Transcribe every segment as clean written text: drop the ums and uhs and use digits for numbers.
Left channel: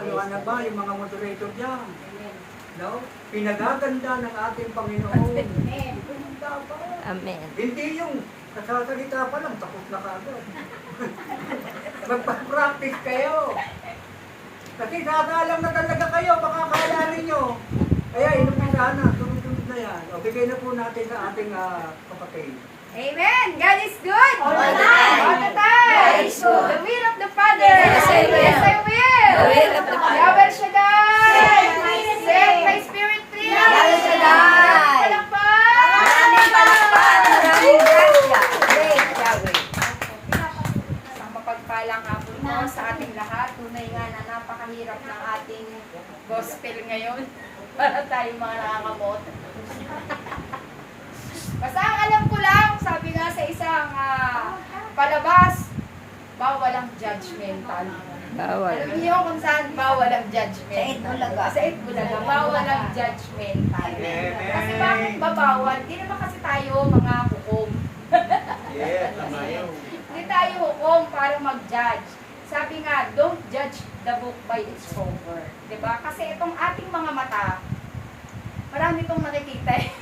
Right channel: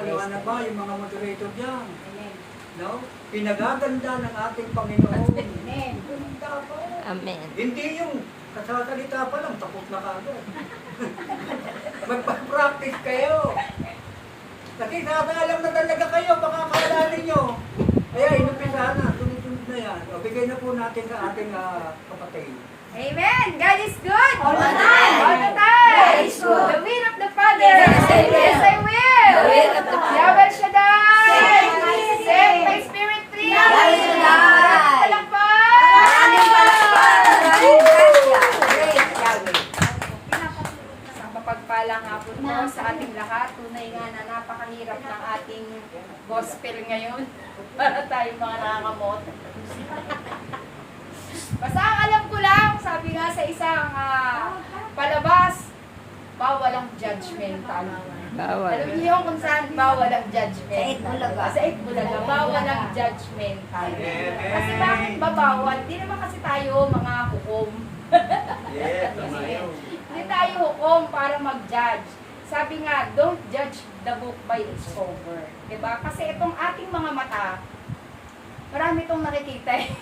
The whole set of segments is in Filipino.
Paliwanag ba yung mga moderator dyan? No? Pinagaganda ng ating Panginoon. Amen. Hindi yung kasasalita pa lang, tapos na kaagad. Magpa-practice kayo. Kasi kakaalam na talaga kayo, baka akala ninyo. Kaya inumpisa na, sunod-sunod na yan. O, bigay na po natin sa ating kapatid. Amen! God is good! All the time. All the time! God is good. The will of the Father! Yes, I will. Yes, I will! The will of the Father. Yahweh Shaddai! Save my spirit free! Yahweh Shaddai. Maraming palakpak! Maraming palakpak. Maraming grasya. Great Yahweh. Isang mapagpalang hapon po sa ating lahat. Tunay nga na napakahirap ng ating gospel ngayon para tayo mga nakakamot. Basta ang alam ko lang, sabi nga sa isang palabas, bawal ang judgmental. Bawal. Alam niyo kung saan bawal ang judgmental? Sa Itbulaga. Sa Itbulaga, bawal ang judgmental. Kasi bakit ba bawal? Di naman kasi tayo mga hukom. Yes, tama yun. Hindi tayo hukom para mag-judge. Sabi nga, don't judge the book by its cover. Diba? Kasi itong ating mga mata, marami itong nakikita eh.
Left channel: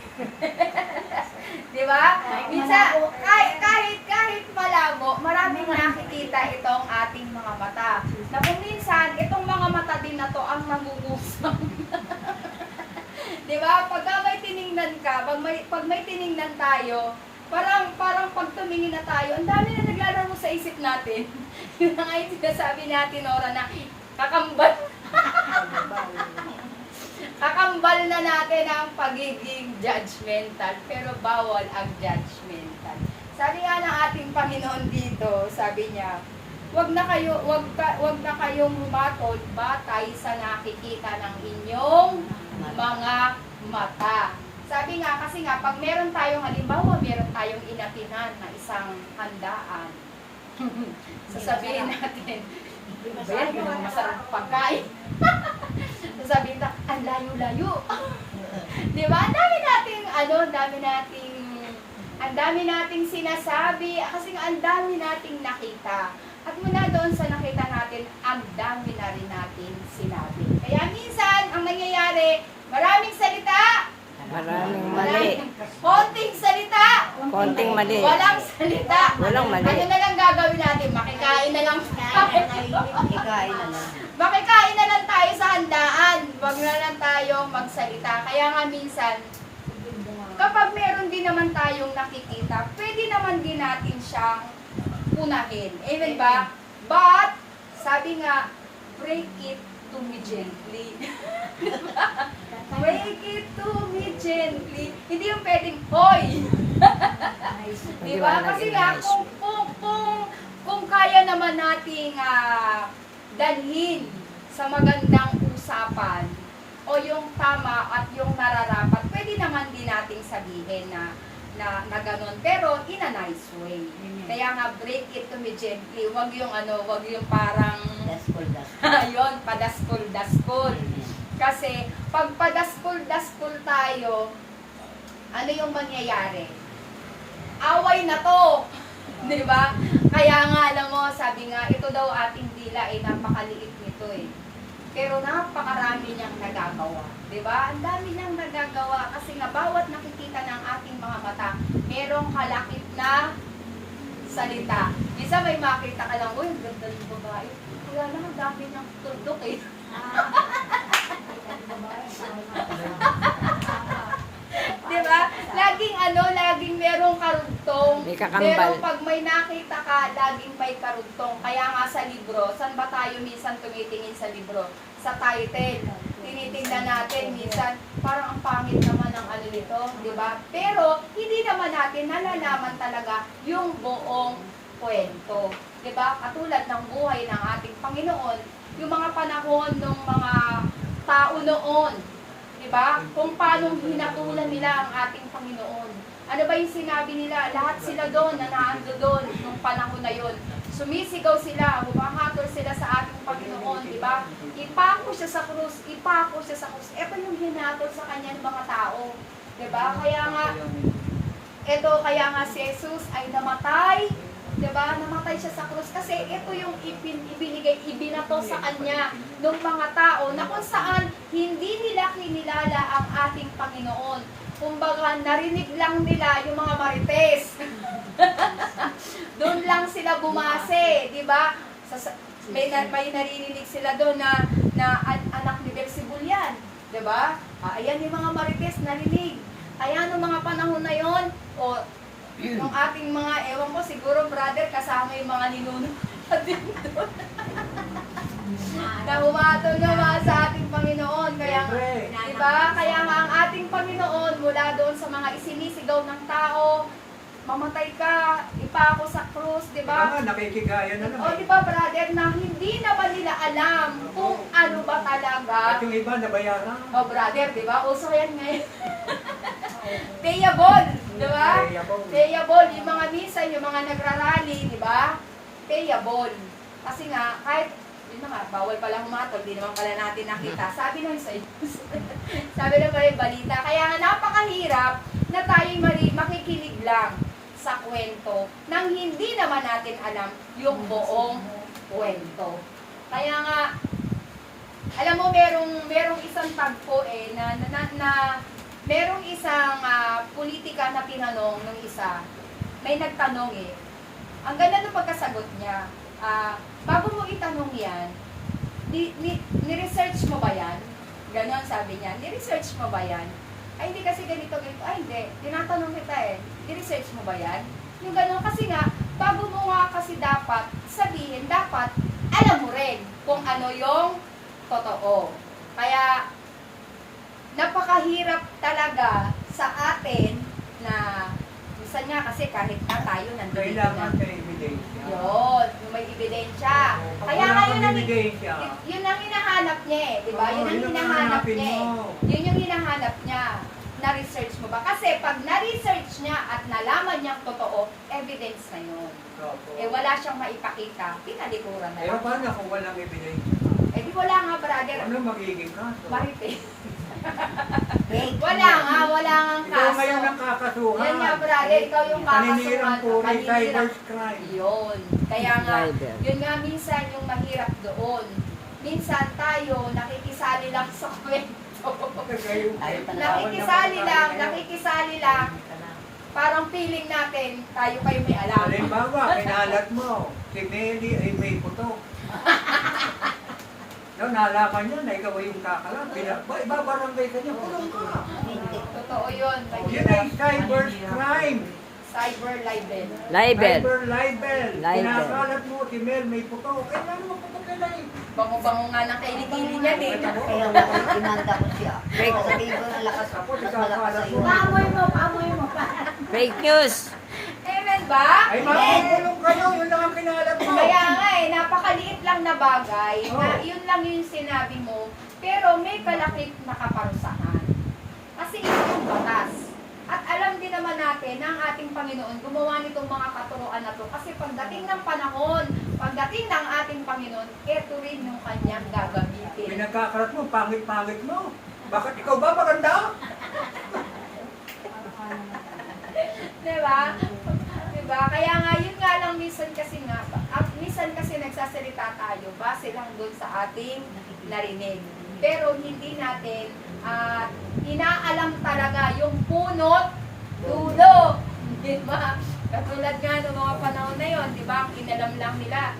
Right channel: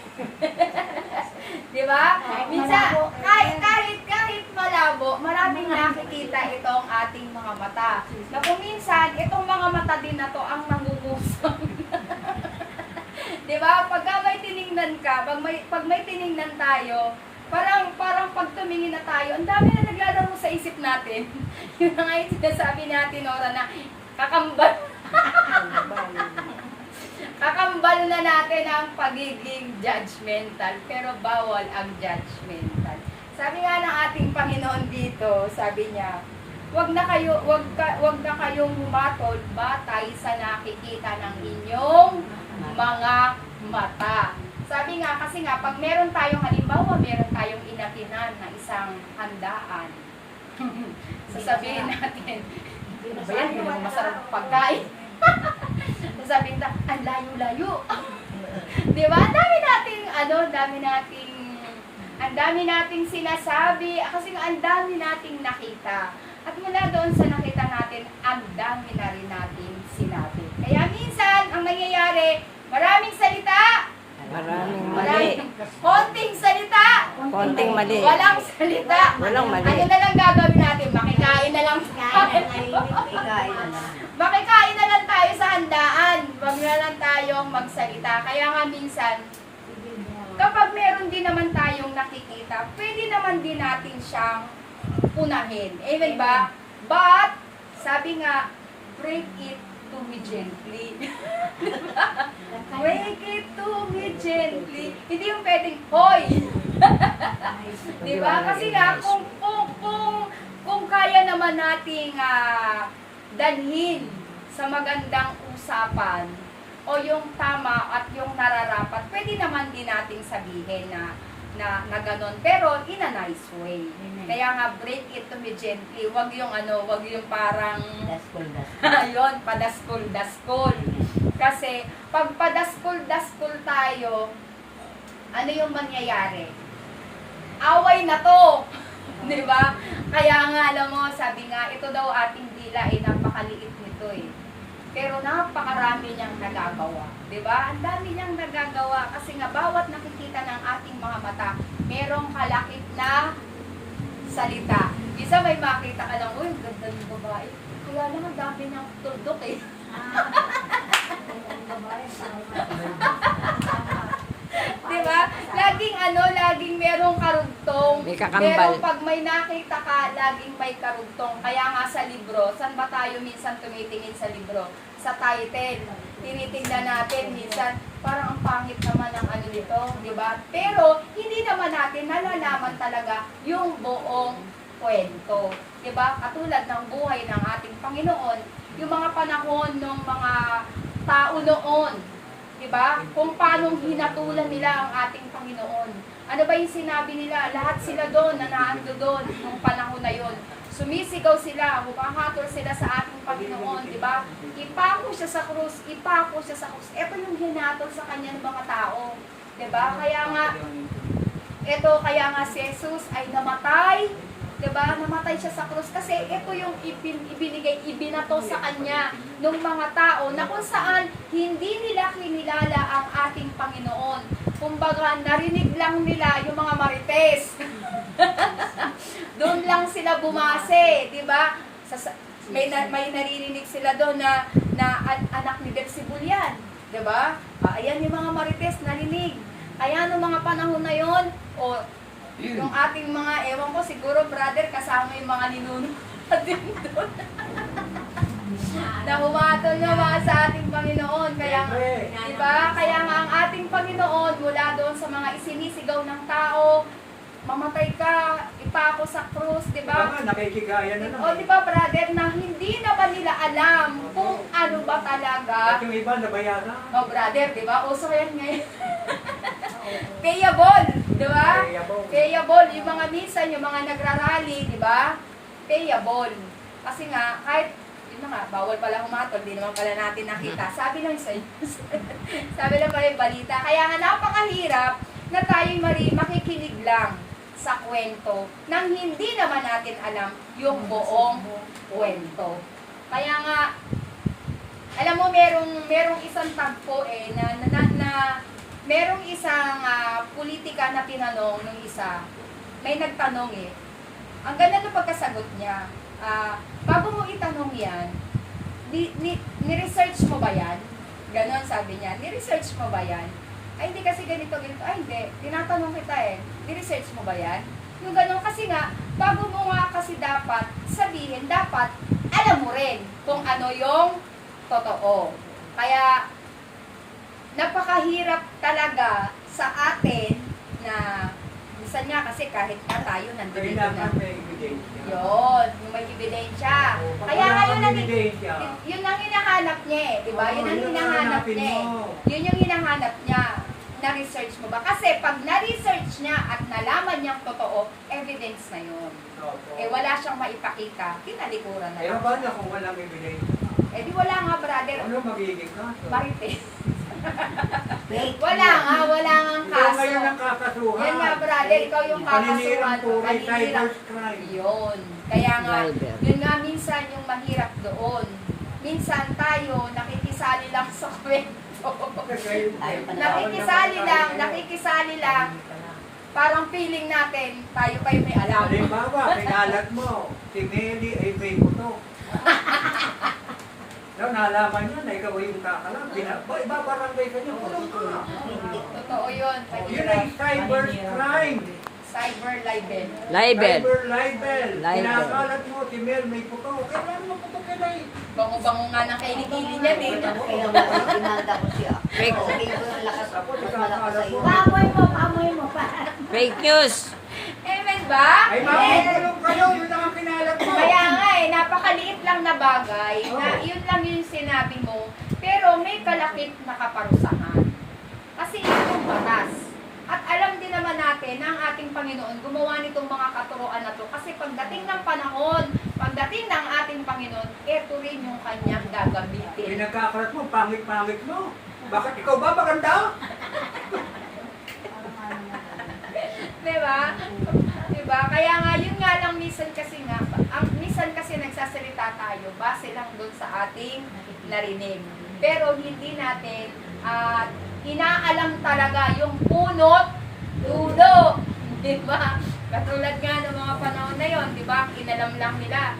Diba? Minsan, kahit malabo, maraming nakikita itong ating mga mata. Na kung minsan, itong mga mata din na to ang nangungusong. Diba? Pagka may tiningnan ka, pag may tiningnan tayo, parang pag tumingin na tayo, ang dami na naglalaro sa isip natin. Yun na nga yung sinasabi natin, Nora, na kakambal. Kakambal na natin ang pagiging judgmental, pero bawal ang judgmental. Sabi nga ng ating Panginoon dito, sabi niya, wag na kayong humatol batay sa nakikita ng inyong mga mata. Sabi nga, kasi nga, pag meron tayong halimbawa, meron tayong inakinan na isang handaan. Sasabihin natin, ba yan, yun ang masarap pagkain. Sasabihin na, ang layo-layo. Di ba? Ang dami nating sinasabi, kasi nga, ang dami nating nakita. At mula doon sa nakita natin, ang dami na rin natin sinabi. Kaya minsan, ang nangyayari, maraming salita, Maraming mali. konting salita, Konting mali. walang salita. Walang mali. Ano na lang gagawin natin? Makikain na lang tayo. Makikain na lang tayo sa handaan. Huwag na lang tayong magsalita. Kaya nga minsan, kapag meron din naman tayong nakikita, pwede naman din natin siyang unahin. Amen ba? But, sabi nga, break it to me gently. Break it to me gently. Hindi yung pwedeng, hoy! Diba? Kasi nga, kung kaya naman nating dalhin sa magandang usapan o yung tama at yung nararapat, pwede naman din nating sabihin na ganon. Pero in a nice way. Kaya nga, break it to me gently. Wag yung wag yung parang yun, padaskol-daskol. Kasi, pag padaskol-daskol tayo, ano yung mangyayari? Away na to! Di ba? Kaya nga, alam mo, sabi nga, ito daw ating dila ay napakaliit nito eh. Pero napakarami niyang nagagawa. Di ba? Ang dami niyang nagagawa kasi nga bawat nakikita ng ating mga mata, merong kalakip na salita. Isa may makita ka lang, uy, ganda ng babae. Kaya lang, ang dami niyang tuldok eh. Diba? Laging merong karugtong. May kakambal. Merong pag may nakita ka, laging may karugtong. Kaya nga sa libro, saan ba tayo minsan tumitingin sa libro? Sa title. Tinitingnan natin minsan, parang ang pangit naman ng nito, di ba? Pero, hindi naman natin nalalaman talaga yung buong kwento. Di ba? Katulad ng buhay ng ating Panginoon, yung mga panahon ng mga tao noon, di ba? Kung paano hinatulan nila ang ating Panginoon. Ano ba yung sinabi nila? Lahat sila doon, na naando doon nung panahon na yon. Sumisigaw sila, humahatol sila sa ating Panginoon, di ba? Ipako siya sa krus, ipako siya sa krus. Ito yung hinatol sa kanya ng mga tao, di ba? Kaya nga si Jesus ay namatay 'Diba? Namatay siya sa krus kasi ito yung ibinato sa kanya ng mga tao na kung saan hindi nila kinilala ang ating Panginoon. Kumbaga, narinig lang nila yung mga marites. Doon lang sila bumase, 'di ba? May naririnig sila doon na anak ni Beelzebul yan, 'di ba? Ayan yung mga marites narinig. Ayan ang mga panahon na yon, o yung ating mga, ewan ko, siguro brother, kasama yung mga ninuno natin doon. Na humatulungan sa ating Panginoon. Kaya, di ba? Kaya nga ang ating Panginoon, mula doon sa mga isinisigaw ng tao, mamatay ka, ipako sa krus, di ba? Tama, nakikigaya na O, di ba, brother, na hindi na ba nila alam kung ano ba At talaga? yung iba nabayaran. O, brother, di ba? Uso yan ngayon. Payable, di ba? Payable, yung mga minsan, yung mga nagrarally, di ba? Payable. Kasi nga, kahit, yun na nga, bawal pala humatog, di naman pala natin nakita. Sabi lang sa'yo. Sabi lang pala yung balita. Kaya nga, napakahirap na tayo makikinig lang sa kwento nang hindi naman natin alam yung buong kwento. Kaya nga, alam mo, merong isang tagpo na merong isang politika na tinanong ng isa. May nagtanong Ang ganda ng pagkasagot niya. Bago mo itanong yan, ni-research mo ba yan? Ganon sabi niya, ni-research mo ba yan? Ay, hindi kasi ganito. Ay, hindi. Tinatanong kita ni-research mo ba yan? Yung ganon kasi nga, bago mo nga kasi dapat sabihin, dapat alam mo rin kung ano yung totoo. Kaya, napakahirap talaga sa atin na minsan nga kasi kahit na tayo nandito Kailangan na. may ebidensya. Yun, yung may ebidensya. Kaya nga yun ang, yun ang hinahanap niya di ba? Yun ang hinahanap niya Yun yung hinahanap niya. Na-research mo ba? Kasi pag na-research niya at nalaman niyang totoo, evidence na yun. Wala siyang maipakita, tinalikuran na lang. Paano kung walang ebidensya? Di wala nga, brother. Ano magiging ka? Marites. Wala nga Ikaw kaso. ngayon ang kakasuhan. Yan nga, brother, ikaw yung kakasuhan. Paninirang puri, Paninirang. cyber crime. Yun. Kaya nga, Driver. yun nga minsan yung mahirap doon. Minsan tayo, nakikisali lang sa kwento. Nakikisali lang. Parang feeling natin, tayo pa yung may alam. Halimbawa, pinalat mo, si Nelly ay may buto. Yung nalaman nyo na ikaw ay yung kakalang, ibabarangay ka niyo, tulong ka. Totoo yun. Yun ay cyber crime. Cyber libel. Libel. Cyber libel. Libel. Pinakalat mo, si Mel may puto. Kailangan mo puto ka na Bango-bango nga ng kaili-kili niyan Kailan mo imanda ko siya. Fake. Sabihin ko ang lakas ako, mas malakas sa iyo. Amoy mo pa. Fake news. Amen ba? Ay, makukulong kayo, yun lang ang kinalat mo. Kaya nga napakaliit lang na bagay na yun lang yung sinabi mo, pero may kalakip na kaparusahan. Kasi ito yung batas. At alam din naman natin na ang ating Panginoon gumawa nitong mga katuroan na to. Kasi pagdating ng panahon, pagdating ng ating Panginoon, ito rin yung kanyang gagamitin. Pinagkakalat mo, pangit-pangit mo. Bakit ikaw ba maganda? Diba? Diba? Kaya nga, yun nga lang minsan kasi nagsasalita tayo base lang doon sa ating narinig. Pero hindi natin inaalam talaga yung punot, dulo. Diba? Katulad nga ng mga panahon na yon, diba? Inalam lang nila.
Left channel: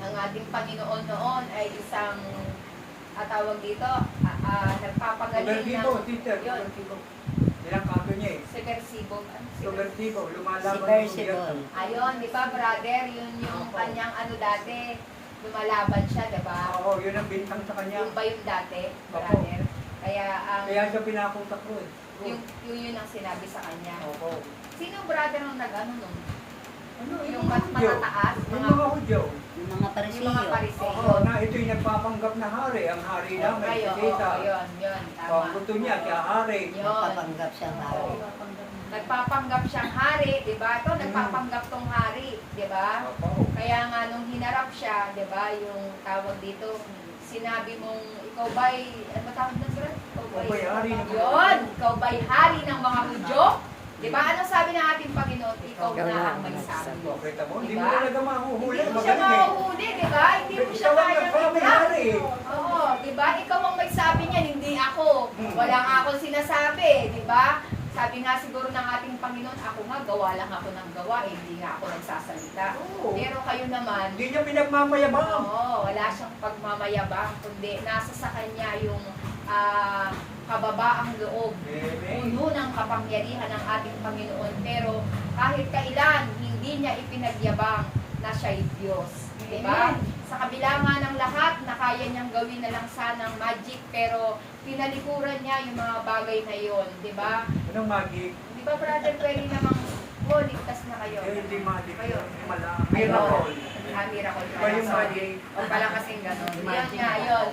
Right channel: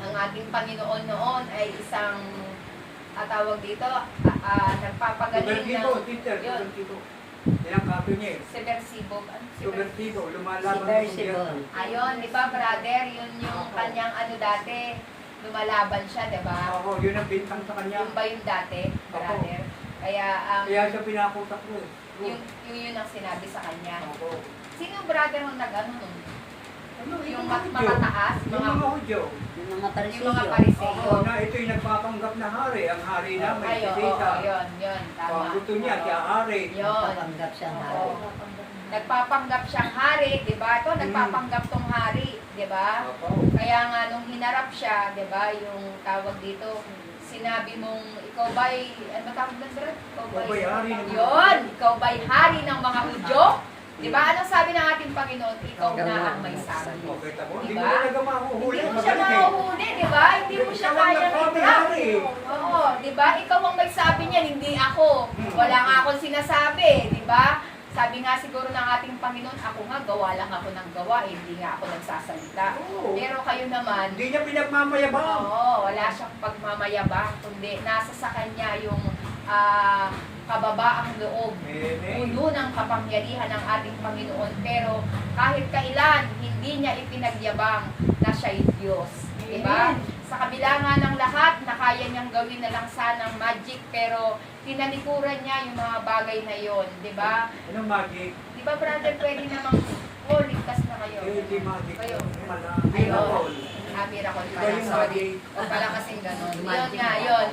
Ang ating Panginoon noon ay isang tawag dito, nagpapagaling ng... Yun. Ilang kato niya Subversibo. Subversibo, lumalaban Subversibo. Ayun, di ba, brother? Yun yung kanyang dati. Lumalaban siya, di ba? Oo, yun ang bintang sa kanya. Yung ba yung dati, brother? Kaya, Kaya siya pinakutak ko yun ang sinabi sa kanya. Oo. Sino brother nung nag-ano nun? Ano, Yung matataas? Yung mga Hudyo. Yung mga Yung mga parisiyo. Oo, pariseyo. na ito'y nagpapanggap na hari. Ang hari lang may Ay, oo, sisita. yun, tama. Gusto niya, siya hari. Yun. Kapanggap siya nga. Oo. Nagpapanggap siyang hari, di ba? Ito, nagpapanggap tong hari, di ba? Oo. Kaya nga, nung hinarap siya, di ba, yung tawag dito, sinabi mong, ikaw ba'y, ano tawag na, sir? Ikaw ba'y hari ng mga Yun, ikaw ba'y hari ng mga Hudyo? Di ba? Anong sabi ng ating Panginoon? Ikaw Ikaw na na ang may ang sabi. Okay, tamo, hindi Diba? mo talaga mahuhuli. Hindi mo siya Magaling. mahuhuli, di ba? Hindi mo siya kayang i-trap. Oo, di ba? Ikaw ang may sabi niyan, hindi ako. Wala nga akong sinasabi, di ba? Sabi nga siguro ng ating Panginoon, ako nga, gawa lang ako ng gawa, eh, hindi nga ako nagsasalita. Oo. Pero kayo naman, Hindi niya pinagmamayabang. oo, wala siyang pagmamayabang, kundi nasa sa kanya yung kababaang loob, Amen. puno ng kapangyarihan ng ating Panginoon. Pero kahit kailan, hindi niya ipinagyabang na siya'y Diyos. Diba? Sa kabila nga ng lahat, na kaya niyang gawin na lang sanang magic, pero tinalikuran niya yung mga bagay na yon, diba? Anong magic? Di ba, brother, pwede namang, oh, ligtas na kayo. Eh, hindi magic. Kayo. Miracle. Miracle Iba pala, yung sorry. magic. O pala kasing ganun. Yun nga, yun.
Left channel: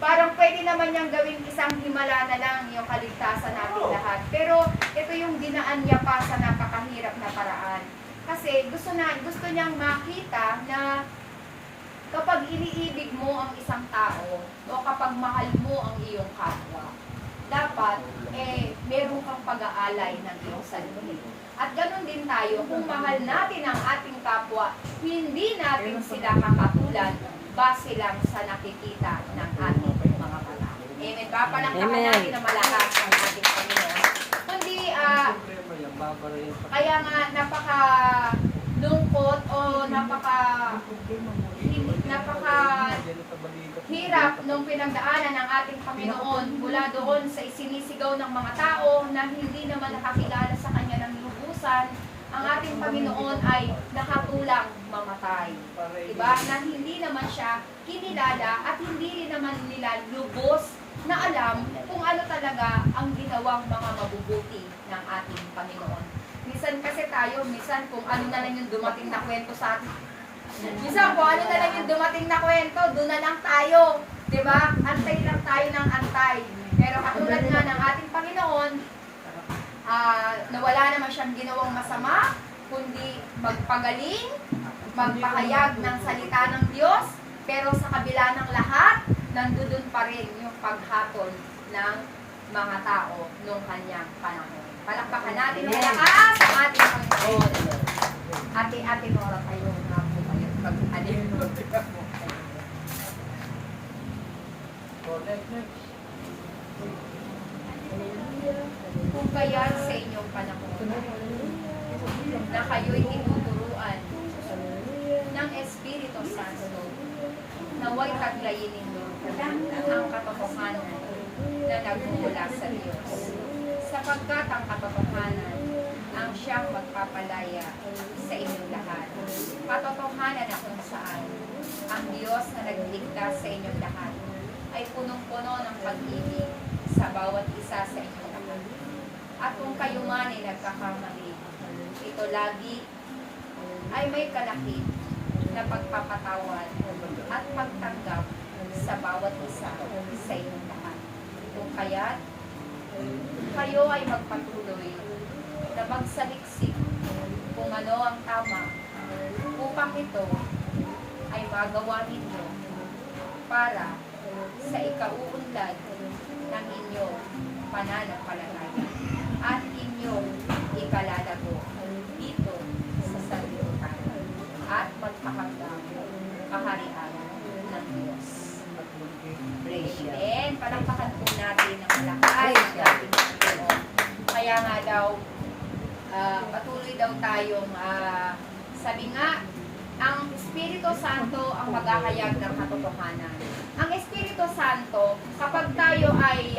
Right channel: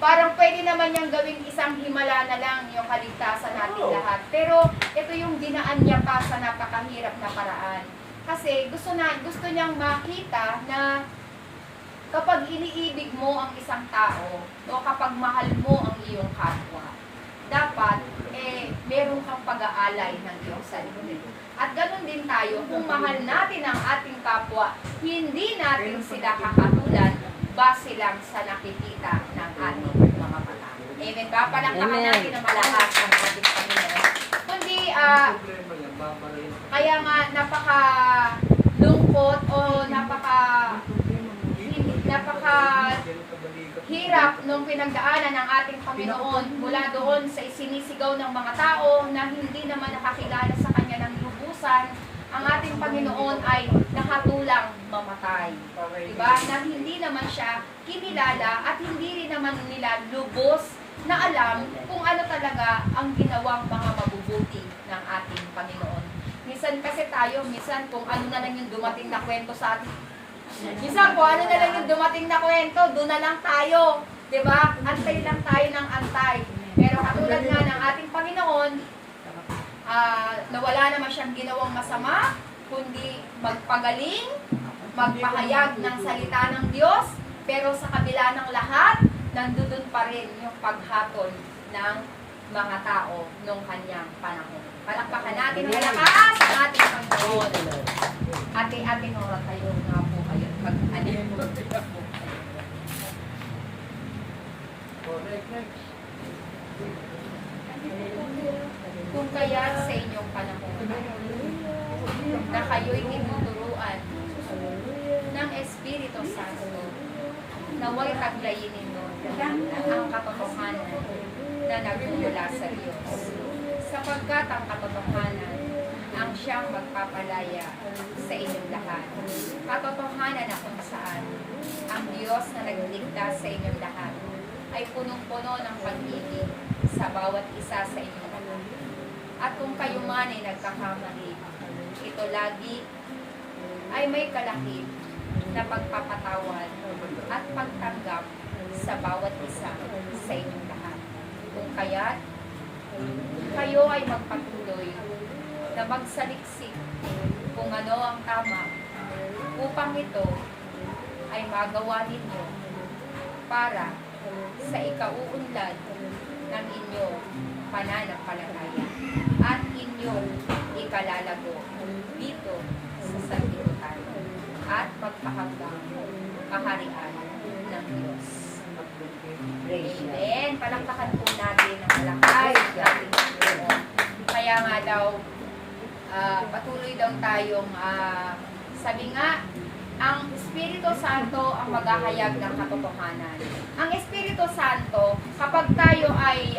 Parang pwede naman niyang gawing isang himala na lang yung kaligtasan natin Oo. lahat. Pero ito yung dinaan niya pa sa napakahirap na paraan. Kasi gusto niyang makita na kapag iniibig mo ang isang tao o kapag mahal mo ang iyong kapwa, dapat meron kang pag-aalay ng iyong sarili. At ganun din tayo, kung mahal natin ang ating kapwa, hindi natin sila kakatulad base lang sa nakikita ng ating mga mata. Amen ba? Palakpakan Amen. natin na malakas ang ating Panginoon. Kundi, kaya nga napaka-lungkot o hirap nung pinagdaanan ng ating Panginoon mula doon sa isinisigaw ng mga tao na hindi naman nakakilala sa Kanya ng lubusan. Ang ating Panginoon ay nakatulang mamatay. Diba? Na hindi naman siya kinilala at hindi rin naman nila lubos na alam kung ano talaga ang ginawang mga mabubuti ng ating Panginoon. Minsan kasi tayo, kung ano na lang yung dumating na kwento sa atin, minsan kung ano na lang yung dumating na kwento, doon na lang tayo. Diba? Antay lang tayo ng antay. Pero katulad nga ng ating Panginoon, na wala naman siyang ginawang masama, kundi magpagaling, magpahayag ng salita ng Diyos, pero sa kabila ng lahat, nandun pa rin yung paghatol ng mga tao nung kanyang panahon. Palakpakan natin ng malakas ang ating Panginoon. Ate-ate Nora, tayo nga po kayo. Pag-alin mo. Kung kaya't sa inyong panahon na kayo'y tinuturuan ng Espiritu Santo, naway taglayin ninyo ang katotohanan na nagmumula sa Diyos. Sapagkat ang katotohanan ang siyang magpapalaya sa inyong lahat. Katotohanan na kung saan ang Diyos na nagligtas sa inyong lahat ay punong-puno ng pag-ibig sa bawat isa sa inyong lahat. At kung kayo man ay nagkakamali, ito lagi ay may kalakip na pagpapatawad at pagtanggap sa bawat isa sa inyong lahat. Kung kaya't kayo ay magpatuloy na magsaliksik kung ano ang tama upang ito ay magawa ninyo para sa ikauunlad ng inyong pananampalataya at inyong ikalalago dito sa sanlibutan at magpahanggang kaharian ng Diyos. Amen. Palakpakan po natin ang malakas ng ating Panginoon. Kaya nga daw, patuloy daw tayong, sabi nga, ang Espiritu Santo ang maghahayag ng katotohanan. Ang Espiritu Santo, kapag tayo ay,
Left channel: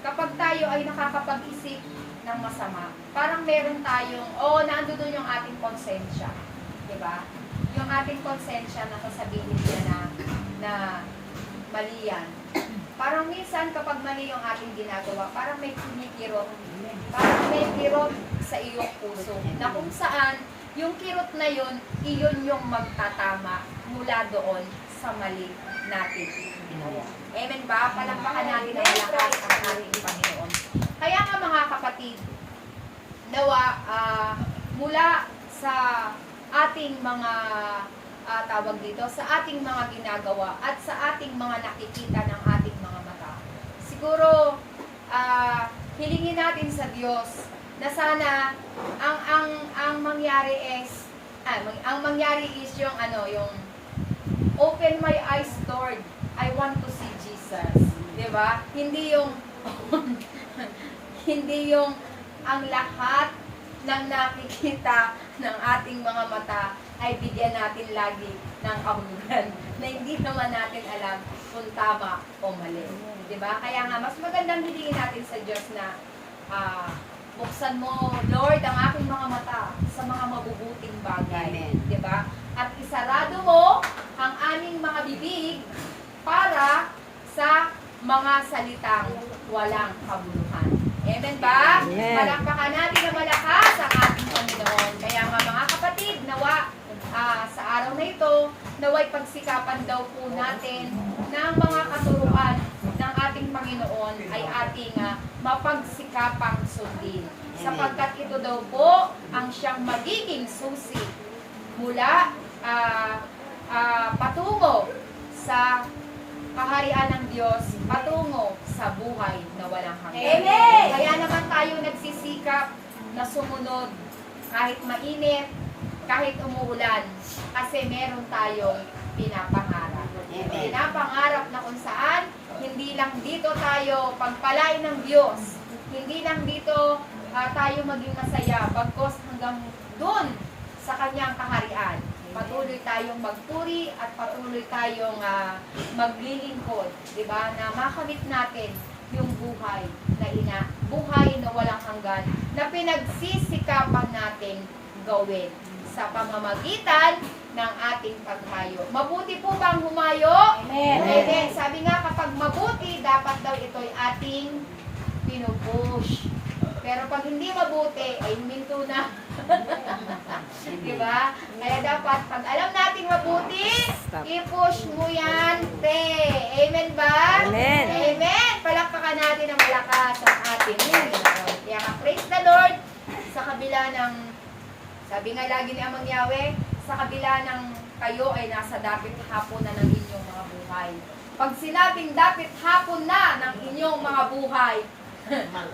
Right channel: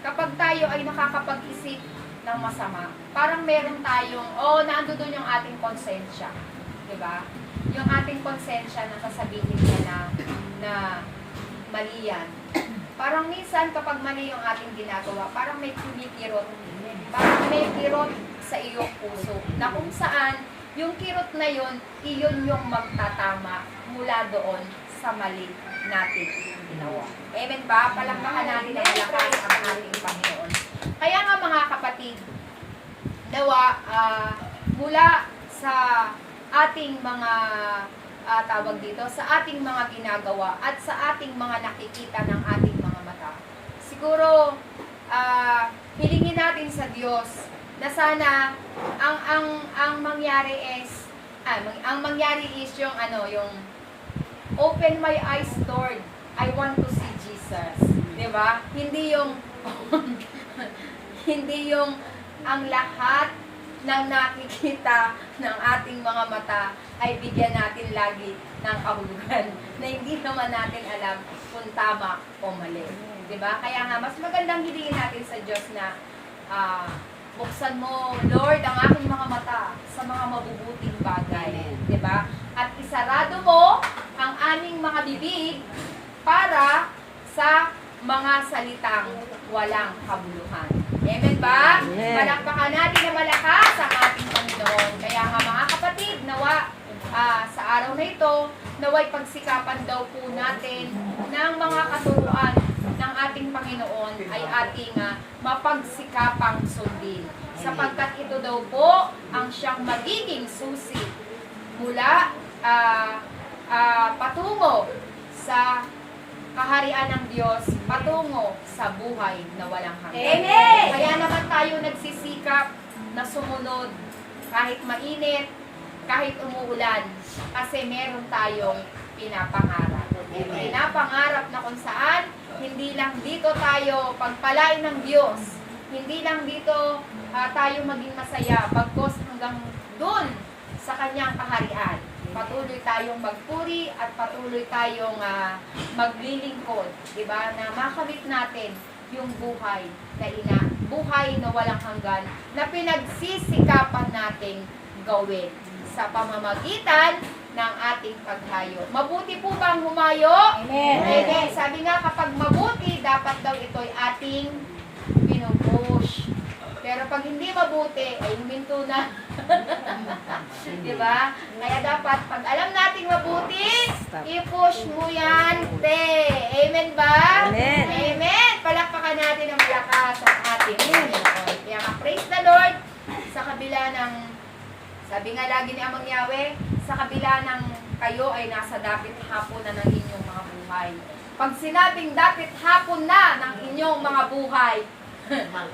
kapag tayo ay nakakapag-isip ng masama, parang meron tayong, naando doon yung ating konsensya. Diba? Yung ating konsensya na sasabihin niya na mali yan. Parang minsan kapag mali yung ating ginagawa, parang may kumikirot. Parang may kirot sa iyong puso. Na kung saan, yung kirot na yun, iyon yung magtatama mula doon sa mali natin ginawa. Amen ba? Palakpakan natin na malakas ang ating Panginoon. Kaya nga mga kapatid, nawa, mula sa ating mga tawag dito, sa ating mga ginagawa at sa ating mga nakikita ng ating mga mata. Siguro, hilingin natin sa Diyos na sana ang mangyari is ang mangyari is yung yung open my eyes, Lord. I want to see Jesus. 'Di ba? Hindi yung hindi yung ang lahat ng nakikita ng ating mga mata ay bigyan natin lagi ng kahulugan na hindi naman natin alam kung tama o mali. 'Di ba? Kaya nga mas magandang hilingin natin sa Diyos na buksan mo, Lord, ang aking mga mata sa mga mabubuting bagay. 'Di ba? At isarado mo ang aming mga bibig para sa mga salitang walang kabuluhan. Amen ba? Amen. Palakpakan natin na malakas ang ating Panginoon. Kaya nga mga kapatid, nawa sa araw na ito, naway pagsikapan daw po natin ng mga katuruan ng ating Panginoon ay ating mapagsikapang sundin. Sapagkat ito daw po ang siyang magiging susi mula patungo sa kaharian ng Diyos, patungo sa buhay na walang hanggan. Amen! Kaya naman tayo nagsisikap na sumunod kahit mainit, kahit umuulan, kasi meron tayong pinapangarap. Pinapangarap na kung saan, hindi lang dito tayo pagpalain ng Diyos, hindi lang dito tayo maging masaya, bagkos hanggang dun sa kanyang kaharian. Patuloy tayong magpuri at patuloy tayong maglilingkod, di ba? Na makamit natin yung buhay na walang hanggan, na pinagsisikapan nating gawin sa pamamagitan ng ating paghayo. Mabuti po bang humayo? Amen. Amen. Sabi nga, kapag mabuti, dapat daw ito'y ating pinupush. Pero pag hindi mabuti, ay huminto na. Diba? Kaya dapat, pag alam nating mabuti, i-push mo yan, te. Amen ba? Amen. Amen. Palakpakan natin ang malakas ang ating Panginoon. Kaya nga, praise the Lord, sa kabila ng, sabi nga lagi ni Amang Yahweh, sa kabila ng kayo ay nasa dapit hapon na ng inyong mga buhay. Pag sinabing dapit hapon na ng inyong mga buhay,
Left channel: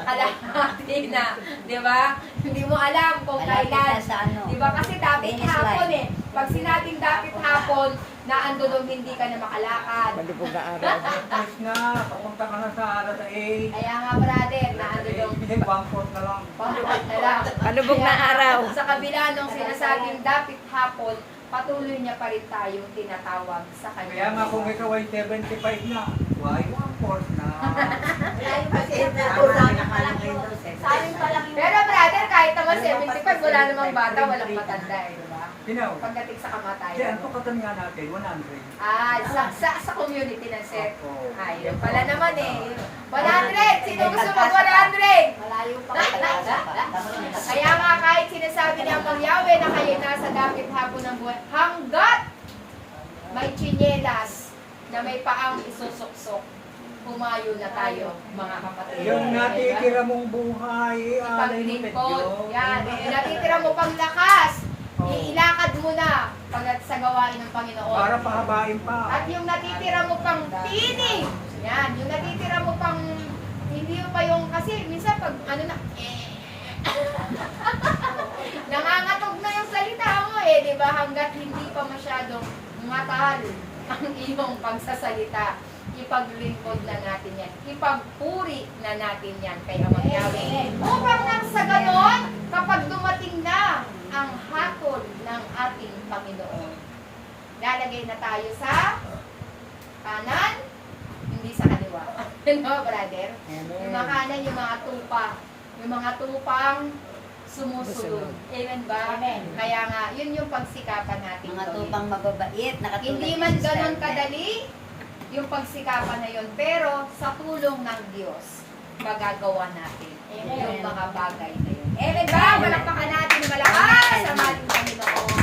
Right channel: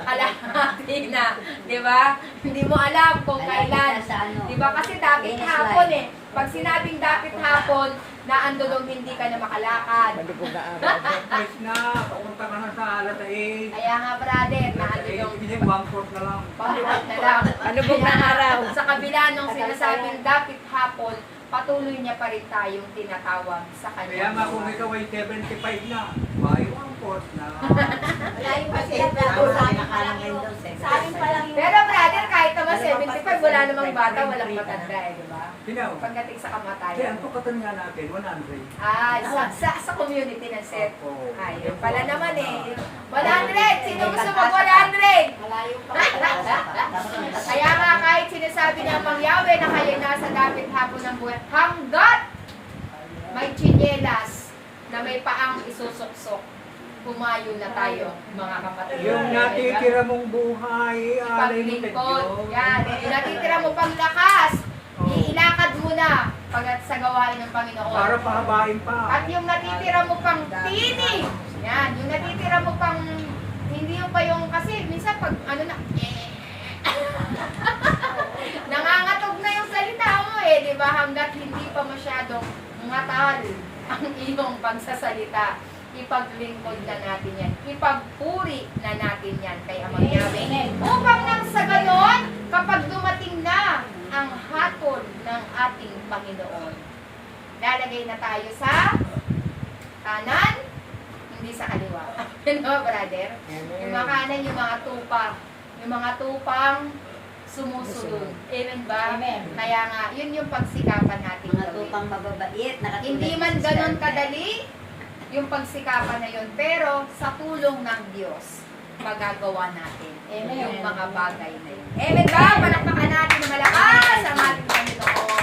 alahati na, di ba? Hindi mo alam kung kailan. Di ba? Kasi dapit hapon eh. Pag sinabing dapit hapon, na ando daw hindi ka na makalakad. Malubog na araw. Price na, papunta ka na sa alas 8. Kaya nga brother, na ando daw Bangkot na lang. pabuhat na lang. Malubog na Kaya, araw. Sa kabila nung sinasabing dapit hapon, patuloy niya pa rin tayong tinatawag sa Kaya kanya. nga kung ikaw ay 75 na, ay bangkot na. Pero brother, kahit naman 75, wala namang bata, walang matanda eh, di ba? Ginaw. Pagdating sa Kaya kamatayan. ang tukatan nga natin, 100. Sa community ng set. Oo. Ayun pala naman eh. 100! Sino gusto mag 100? Malayo pa. Kaya nga kahit sinasabi ng Amang Yahweh na kayo nasa dapit hapon ng buhay, hanggat may tsinelas na may paang isusuksok, humayo na tayo, mga kapatid. Yung natitira mong buhay, alay ng Ipaglingkod. Diyos. Yan. Yung natitira mo pang lakas, iilakad mo na pag sa gawain ng Panginoon. Para pahabain pa. At yung natitira mo pang tinig, yan, yung natitira mo pang, hindi yung pa yung, kasi minsan pag ano na, nangangatog na yung salita mo eh, di ba? Hanggat hindi pa masyadong ngatal ang iyong pagsasalita, ipaglingkod na natin yan, ipagpuri na natin yan kay Amang Yahweh. Upang nang sa ganon, kapag dumating na ang hatol ng ating Panginoon, lalagay na tayo sa kanan, hindi sa kaliwa. Ano, brother? Yung mga kanan, yung mga tupa. Yung mga tupang sumusunod. Amen ba? Amen. Kaya nga, yun yung pagsikapan natin. Mga gawin. tupang mababait. Hindi man ganon kadali yung pagsikapan na yun, pero sa tulong ng Diyos, magagawa natin Amen. yung mga bagay na yun. Amen ba? Palakpakan natin malakas ang ating Panginoon.